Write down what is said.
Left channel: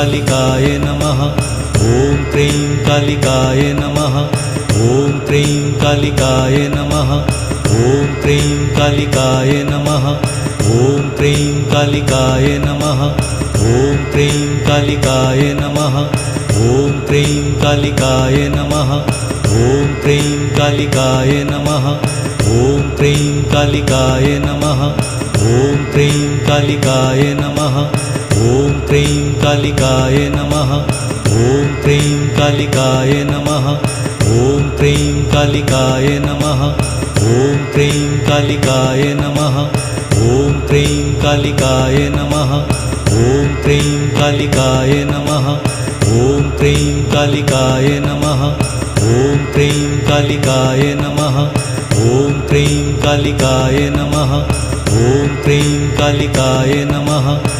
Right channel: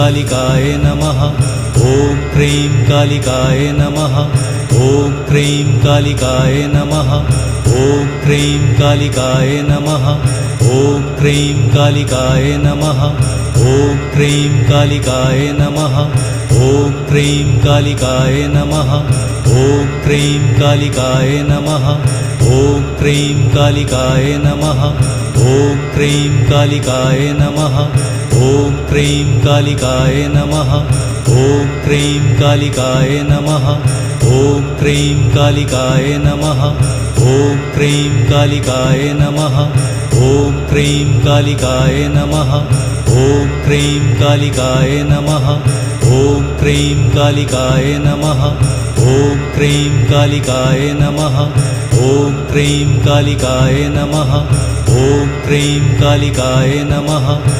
कालिकाय नमः। ॐ क्रीं कालिकाय नमः। ॐ क्रीं कालिकाय नमः। ॐ क्रीं कालिकाय नमः। ॐ क्रीं कालिकाय नमः। ॐ क्रीं कालिकाय नमः। ॐ क्रीं कालिकाय नमः। ॐ क्रीं कालिकाय नमः। ॐ क्रीं कालिकाय नमः। ॐ क्रीं कालिकाय नमः। ॐ क्रीं कालिकाय नमः। ॐ क्रीं कालिकाय नमः। ॐ क्रीं कालिकाय नमः। ॐ क्रीं कालिकाय नमः। ॐ क्रीं कालिकाय नमः। ॐ क्रीं कालिकाय नमः। ॐ क्रीं कालिकाय नमः। ॐ क्रीं कालिकाय नमः। ॐ क्रीं कालिकाय नमः। ॐ क्रीं कालिकाय नमः।